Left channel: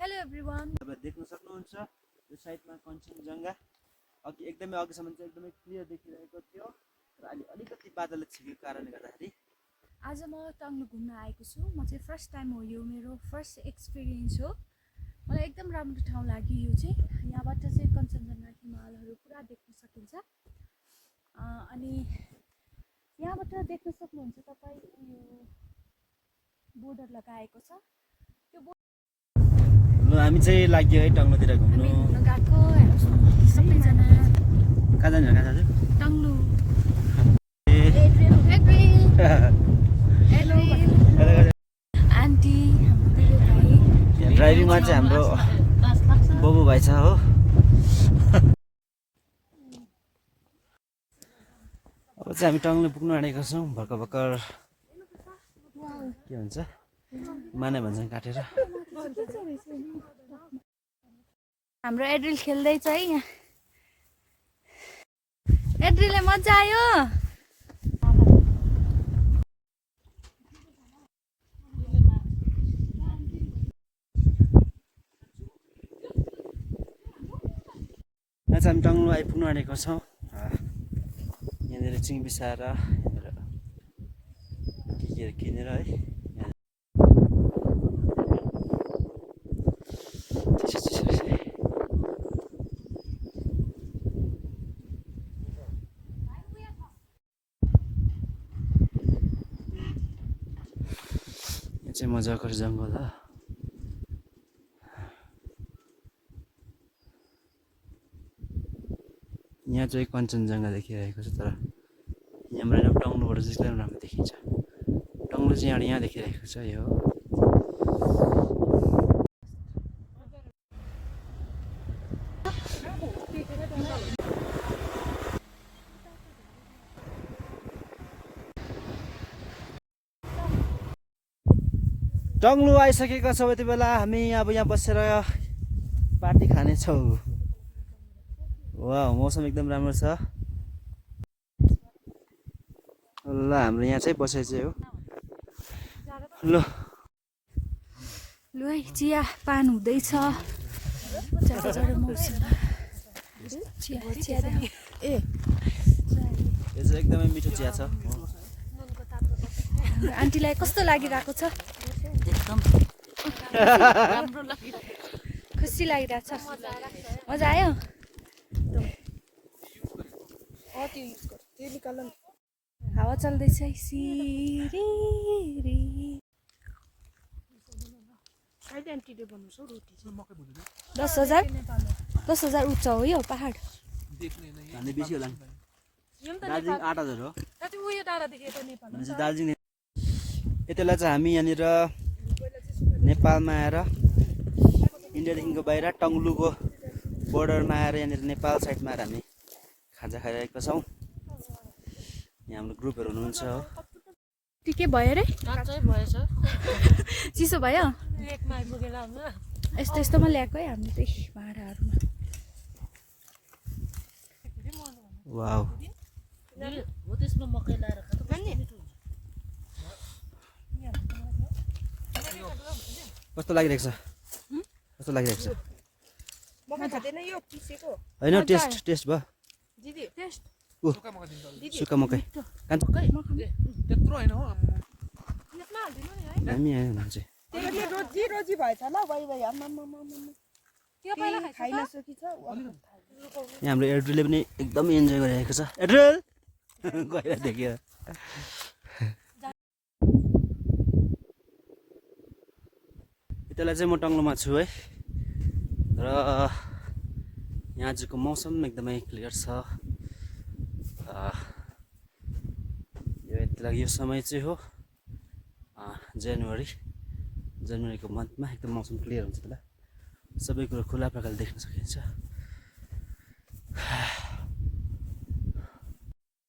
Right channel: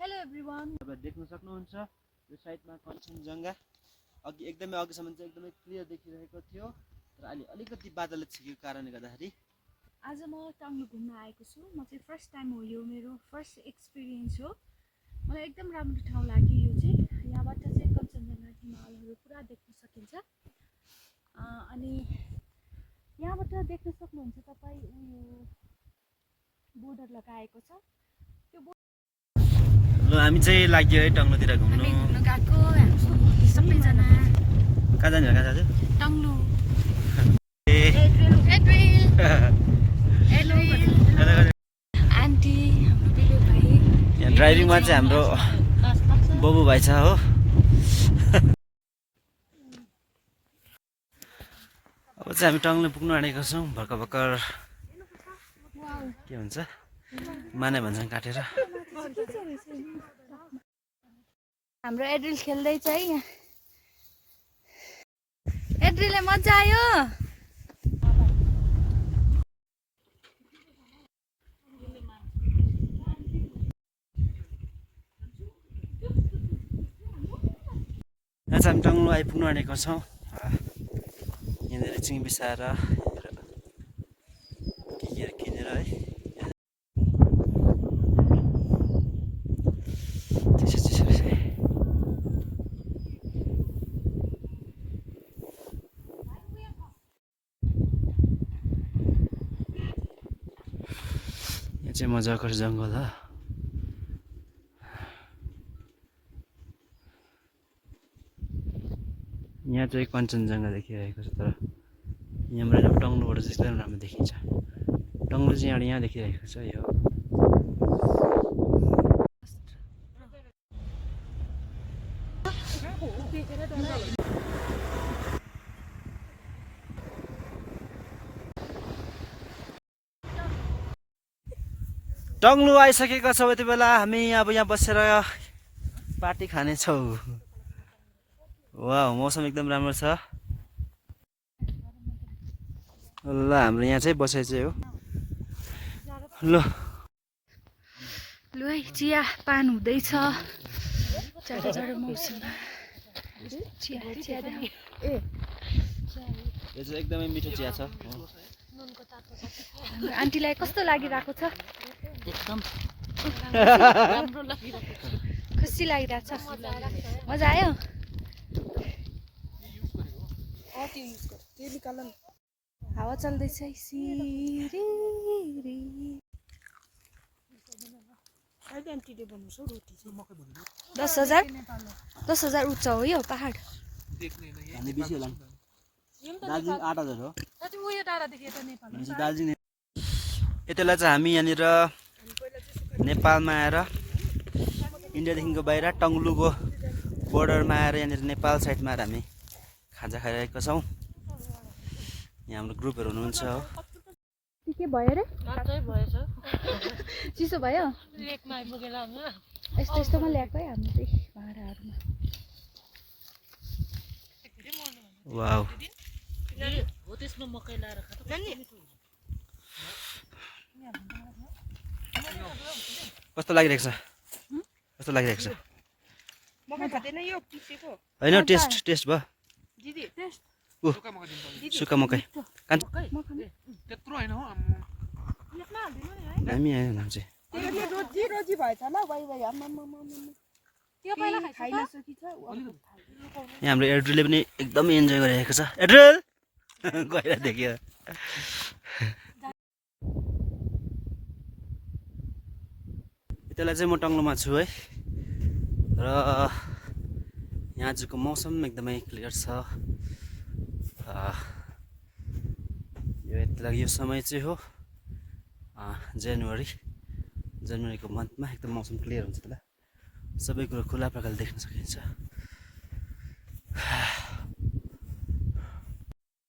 Hello everyone. तपाईहरु देख्न सक्नुहुन्छ यो साइडमा कञ्चनजङ्घा अघि एकदमै अघिसम्म चाहिँ एकदमै क्लियर देखिरहेको थियो तर अलि अलिकति बादलले छेकेको कारणले गर्दाखेरि आज म टङ्ग्लु घुम्न आएको छु। म चाहिँ फर्स्ट टाइम हो, यो मेरो फर्स्ट एक्सपिरियन्स हो। मलाई एकदम राम्रो ठाउँ लाग्यो यो चाहिँ। यहाँबाट चाहिँ कञ्चनजङ्घा हिमालहरू पुरा देख्न सकिन्छ। अनि यहाँबाट देख्न सक्नुहुन्छ तपाईँ उयो बोर्डर लगाएको छ। त्यो ल हामी चाहिँ लाग्यो है टङ्ग्लुतिर घुम्नु। हामी घुम्न गएको सबैजना। कहाँ जाने जाने टङ्ग्लु। आन्टी हाम्रो बिलो भाइ। यहाँ ड्राइभिङमा चाहिँ हाम्रो बबु भाइ छ हो। अब चाहिँ हामी टङ्ग्लु पुग्नु आँटेको छौँ। भर्खर के भन्छ माने भन्छन् काटेर। हाम्रो एड्रिल खेल्दैछ है यहाँ। एड्रिलले मजा आयो। यहाँ चाहिँ हामी टङ्ग्लु आइपुग्नु आँटेको छौँ। यहाँनिर चिङ बिसाएर के किनेर है। यहाँ चाहिँ मजाको जङ्गल हो। यहाँ चाहिँ कञ्चनजङ्घा देखिरहेको छ तर यहाँबाट टङ्ग्लुबाट चाहिँ एकदम राम्रो देखिन्छ। टङ्ग्लु चाहिँ यहाँ देखिरहेको छ यो। टङ्ग्लु आइसकेका छौँ। यति बेला हामी अब यहाँ बसेर पार्टी खानेछौँ। वाह मौसम एकदम राम्रो छ। ल हाम्रो यहाँ चाहिँ बसाइ चाहिँ हो। ल लु है चिया पान हुँदैछ जाडो मौसममा। चिया चिया यो चाहिँ एकदमै मिठो चिया छ। आन्टीलाई कस्तो लागिरहेको छ? एकदम राम्रो लागिरहेको छ। खुसी लागिरहेको छ? मजा आयो? हावा चल्दैछ है सिरिरी। 10,000 उच्च हो यो पहाड। भन्ने बेसी होला नि। दार्जिलिङ 8,000 हो भनेपछि दार्जिलिङ। यति बेला चाहिँ हामी यहाँनिर नेपालमा आएर इन्डियादेखिको बाहिर टङ्ग्लुको बोर्डरमा आएर यहाँनिर नेपाल साइडमा आएर हामी खाजा खाइरहेका छौँ। यहाँ हाम्रो ग्रुपहरू हुनुहुन्छ हो। के भयो रे? काँचै भएछ। चिसो भयो? लेकमा आइपुगेर हामी यस्तो यस्तोमा ल्याएको है हामी त्यही भाँडाहरूमा। वाउ हो त्यसमा मकै लाएर कस्तो लागिरहेको छ? कस्तो लागिरहेको छ? होइन टेस्ट भयो। सुक्खा मकै दामी आयो नाम चाहिँ। यहाँ हाम्रो एड्रिलले पनि एकदमै इन्जोय गरिरहेको छ। एड्रिल गएर देख्यो। यति बेला चाहिँ म टङ्ग्लुमा छु है र यहाँ आजको मौसम एकदमै क्लियर छ। यो समय चाहिँ हो जनवरीको मन्थमा एकदम मौसम क्लियर हुन्छ। बेला सबै कुरो खुला प्रकारले देख्न सकिन्छ।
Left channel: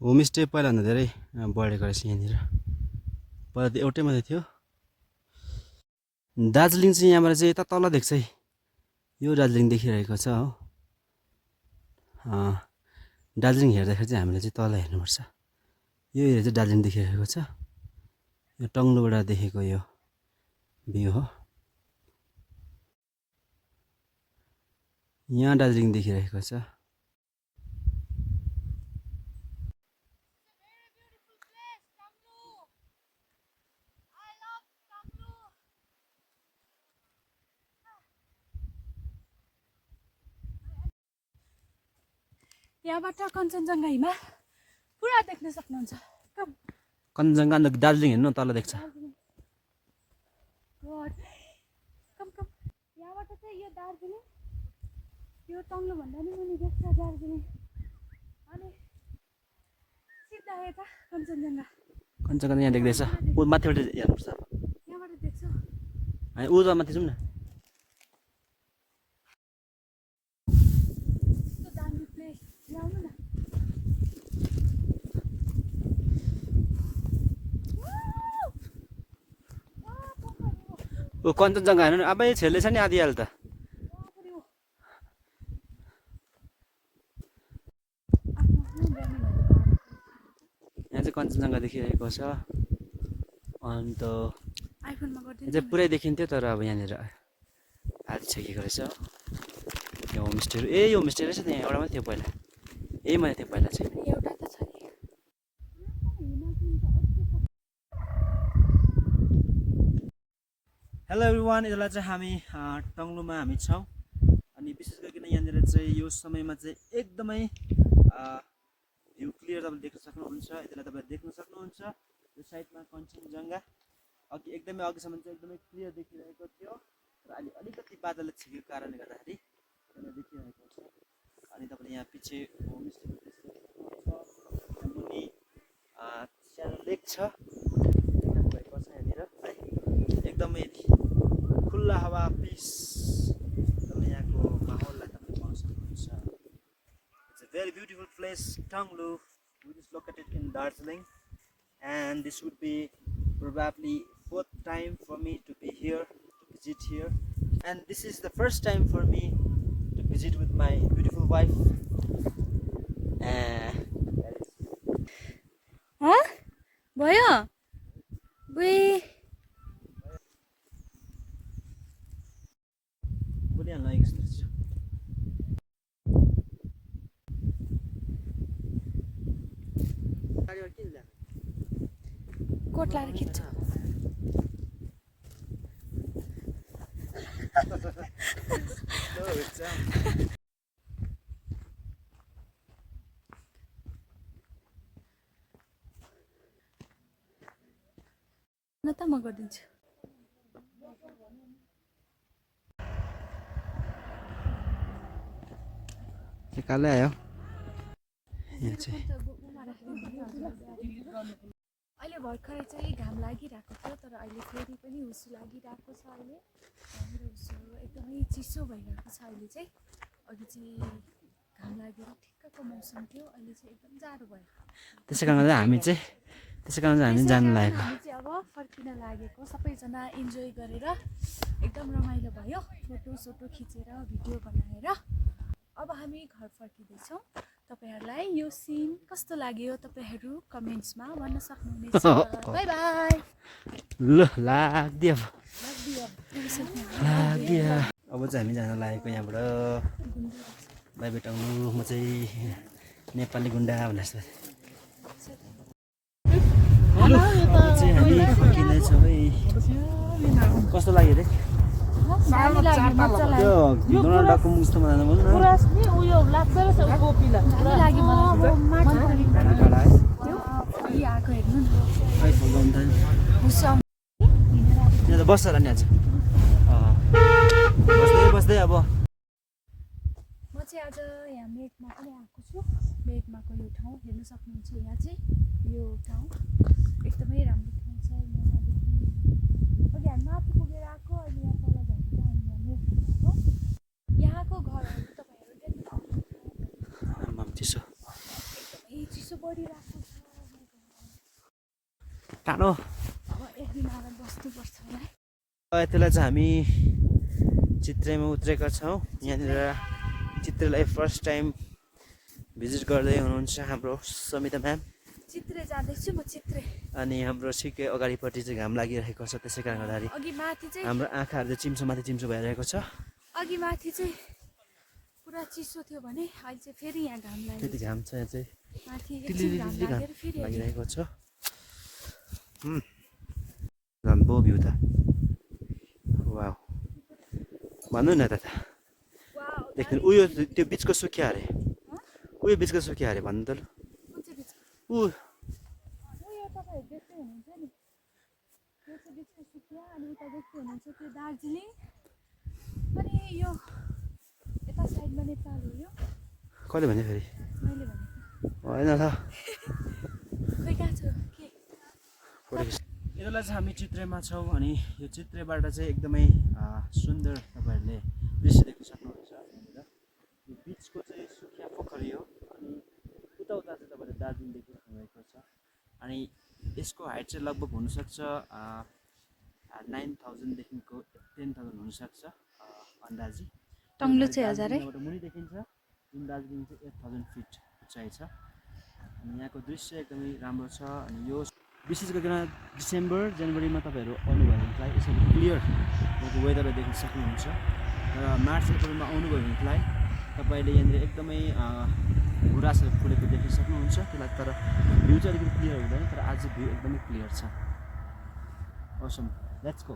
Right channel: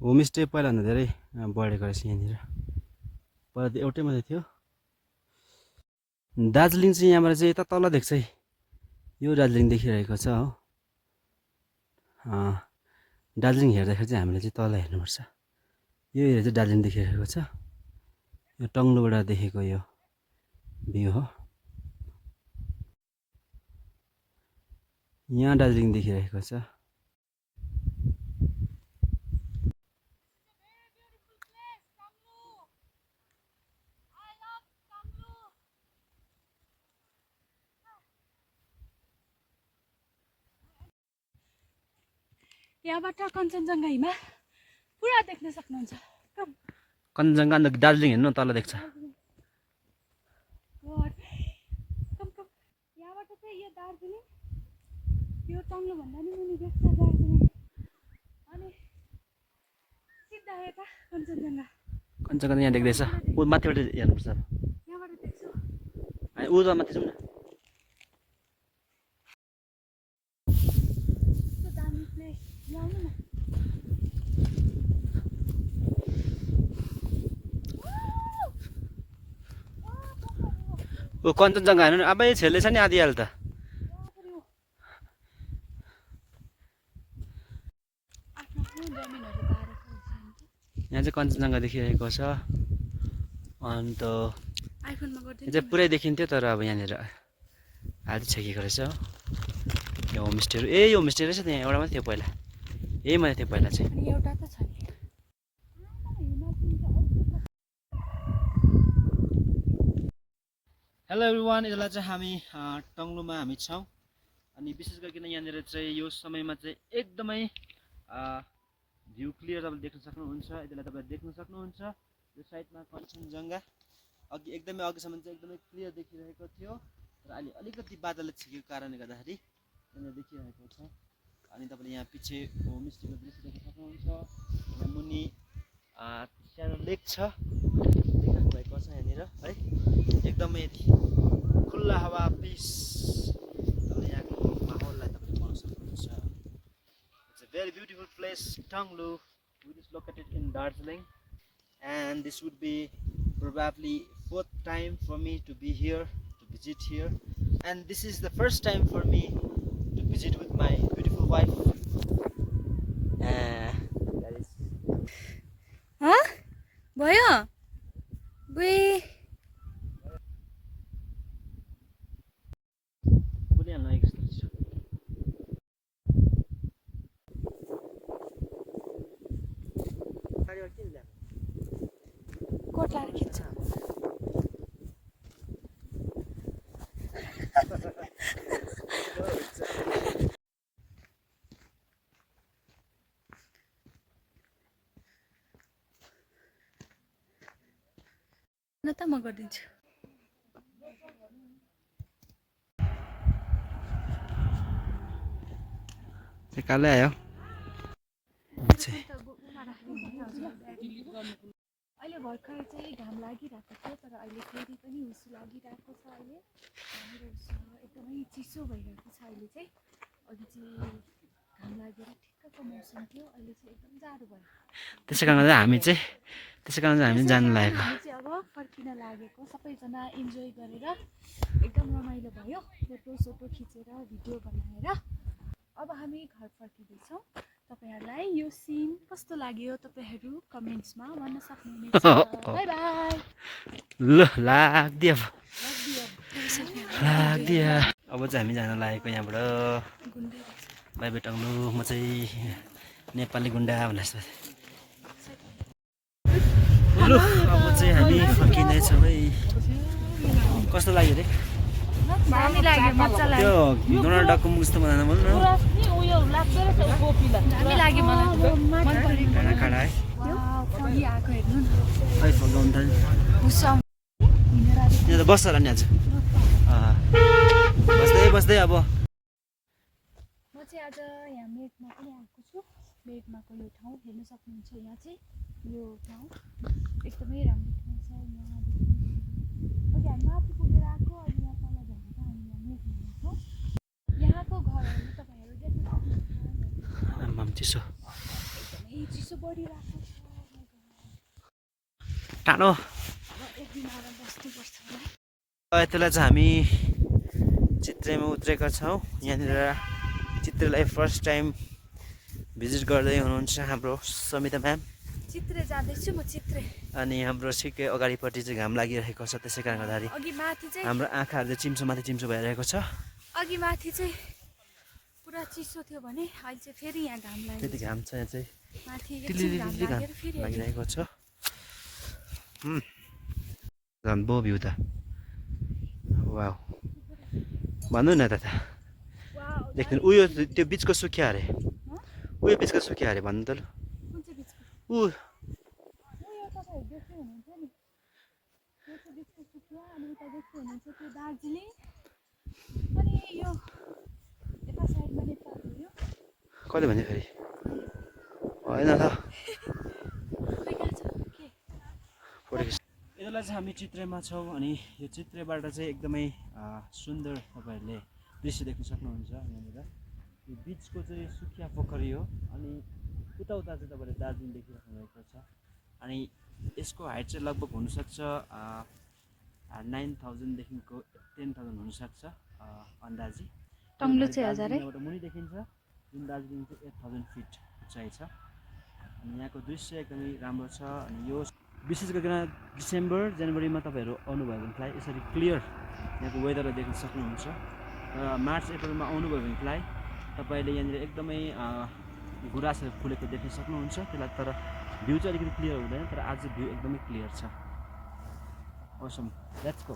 होमस्टे पहिलाभन्दा धेरै बढेको रहेछ यहाँनिर। पहिला त एउटै मात्रै थियो। दार्जिलिङ चाहिँ यहाँबाट चाहिँ यता तल देख्छ है। यो दार्जिलिङ देखिरहेको छ हो। दार्जिलिङ हेर्दाखेरि चाहिँ हामीले चाहिँ तल हेर्नुपर्छ। यो एरिया चाहिँ दार्जिलिङ देखिरहेको छ। यो टङ्ग्लुबाट देखेको यो भ्यू हो। यहाँ दार्जिलिङ देखिरहेको छ। यहाँबाट कञ्चनजङ्घा हिमाल पुरा देख्न सक्नुहुन्छ। कञ्चनजङ्घा अन्त दार्जिलिङ हेर्नु तल देख्छ। यहाँबाट चाहिँ यो दार्जिलिङ यो टङ्लो भन्दा नि मुनि देख्छ दार्जिलिङ अनि सिधा यता कञ्चनजङ्घा। कञ्चनजङ्घा यहाँ देख्दैछ। ऊ माथिबाट हेर्नुपर्छ। यहाँबाट देख्छु। हामी ऊ त माथि जाउँ न। कस्तो दामी प्लेस ल्याउनु न। ऊ कञ्चनजङ्घा हेर्नु अब छेल्दै छ नि आधी हाल त। यहाँ चाहिँ कञ्चनजङ्घा देखिरहेको छ। अन्त यहाँ चाहिँ पुरै देखिन्थ्यो तर अब यहाँनिर आधी छेकेको रहेछ। यो होमस्टेहरू यो होमस्टे रहेछ त्यहाँ एउटा मात्रै थियो पहिला। यही मात्रै थियो पहिला चाहिँ। एउटा त छ नि। हेलो एभ्रिवान, यसलाई चाहिँ हामी टङ्लुमा हामी छौँ। अनि विशेष गरिकन यहाँनिर चाहिँ यो समयमा चाहिँ एकदमै भ्यू क्लियर तपाईँले देख्न सक्नुहुन्छ। यसलाई तपाईँले देख्न सक्नुहुन्छ। यो साइडमा कञ्चनजङ्घा अघि एकदमै अघिसम्म चाहिँ एकदमै क्लियर देखिरहेको थियो र अहिले अलिकति बादलले छेकेको कारणले गर्दाखेरि यहाँनिर देखिरहेको छ। अनि तपाईँले यहाँ पछि होमस्टेको दृश्य देख्न सक्नुहुन्छ। यहाँ मुनि सानो लेक छ भएको छ यहाँनिर है। एकदमै खुल्ला हावा पिस तपाईँले यहाँको माहौललाई तपाईँले पाउन सक्नुहुन्छ। It's a very beautiful place Tanglu which is located in Darjeeling, and this would be probably 4th time for me to be here, to visit here, and this is the first time for me to visit with my beautiful wife. भयो बोलिहाल्नु एक जस्तो coat लाएर खिच्छ। न त म गरिदिन्छु। कालै आयो। अहिले भर्खरै चाहिँ घाम लागिरहेको थियो तर अहिले फेरि पनि हुसु लागिरहेको छ। अहिले यहाँनिर हुसु एकदमै चिसो भइरहेको छ। अहिले चाहिँ अघि चाहिँ घाम लागेर ठिक्कको मौसम थियो, अहिले चाहिँ एकदम जाडो भयो। त्यसै कारण चाहिँ हामी जानु लागेको। हामी चाहिँ अब फर्किन लागेको। सबैजना इन्जोय गरेर एकदम रमाइलो भयो, फोटो खिचेर भिडियो बनाएर अब हामी घर फर्किँदैछौँ। तपाईँहरूलाई यो सिन कस्तो लाग्यो तपाईँहरू कमेन्ट्समा भन्न सक्नुहुनेछ। Bye bye. ल लाग्दियो अब चाहिँ हामी जान लागेको यहाँबाट। Bye bye Tanglu. म चाहिँ नेपाली गुन्डा भनेर जस्तो। ल अब चाहिँ हामी फर्किँदैछौँ है। कस्तो लाग्यो रे? दामी लाग्यो, मजा लाग्यो। त्यो डोनाल्ड डकको मुख जस्तो बनाएर बोल्नु। दामी लाग्यो मलाई, मन पऱ्यो। खाना खाडा है आएको हेर्नु न। यहाँ त बस्छ होला नि आज। बस्दै अब म चाहिँ आज यहाँ मेघमा पनि आएको छु। मेघमाको यो ठाउँ हेर्न सक्नुहुन्छ। यहाँ चाहिँ यो ठाउँ एकदमै राम्रो ठाउँ छ। यहाँदेखि अघि हामी माथि पुगेर आएको, अहिले यहाँ तल झरेर हामी यहाँ मेघमा आएको। यहाँको घरहरू तपाईँहरू देख्न सक्नुहुन्छ। आमाम चिसो, एकदमै चिसो बढिरहेको छ। टाढो एक दिन आएर बस्नुपर्छ है। यतिलाई चाहिँ हामी चित्रेमा उत्रेका छौँ। यहाँनिर चित्रेलाई फर्स्ट टाइम भिजिट गर्दै हुनुहुन्छ हाम्रो समिता म्याम। चित्रे जाँदैछु म, चित्रे। अनि हाम्रो ठिकै अगाडिपट्टि चाहिँ घाम लागिरहेको छ, त्यसै कारण गर्दाखेरि अघि माथि चाहिँ हाम्रो आँखाहरू चाहिँ चिम्सो माथि चिम्सो भइरहेको छ। अघि माथि चाहिँ पुरा चिसो थियो भने अहिले चाहिँ फेरि यहाँ घाम लाग्यो फेरि घाम छ यहाँ चाहिँ माथि एकछिन टिलिलिलि घाम घाम लागेर फेरि लागिरहेको छ झन् बो भ्यू त वाउ भन्नु न त वाउ देख्नु उयो त्यो बिचको सुकिया अरे उयो बिचको सुकिया अरे भन्नु त ल कुन चाहिँ बिचको ऊ उयो तपाईँहरू देख्दै हुनुहुन्छ नि यो चाहिँ बिचको सुकिया अनि उता देख्दै हुनुहुन्छ त्यो दार्जिलिङ अनि यो यता साइडमा नेपाल हो यो कहिले भने फेरि होइन त खोइ कहाँ छ के यतिलाई चाहिँ हामी चित्रेमा छौँ अनि यो चित्रेबाट चाहिँ एकदमै सुन्दर तपाईँहरूले दृश्य देख्न सक्नुहुन्छ यहाँनिर यो बिचको चाहिँ सुकिया पोखरी हो अनि उता उता चाहिँ तपाईँले दार्जिलिङ देखिराख्नु भएको छ अनि यसको हाइट चाहिँ लगभग हुनसक्छ 9,000देखिको 10,000 हुनसक्छ अन्दाजी टङ्ग्लो चाहिँ 1000 है यहाँबाट मुनि देखिन्छ जुन दार्जिलिङ चाहिँ 8,000 फिट उचाइ छ अनि यहाँको दृश्य एकदमै राम्रो छ अनि यो विशेष गरिकन डिसेम्बर जनवरीमा तपाईँहरू आउनुभयो भनेलाई यसरी क्लियर यहाँको वेदरलाई देख्न सक्नुहुन्छ र मार्च अप्रिलमा आउनुभयो भनेलाई तपाईँले यहाँनिर एकदमै गुराँसहरू फुलेको देख्न सक्नुहुन्छ त्यसलाई तर भ्यू चाहिँ अलिकति क्लियर हुँदैन तर आज भ्यू एकदमै क्लियर छ awesome let's go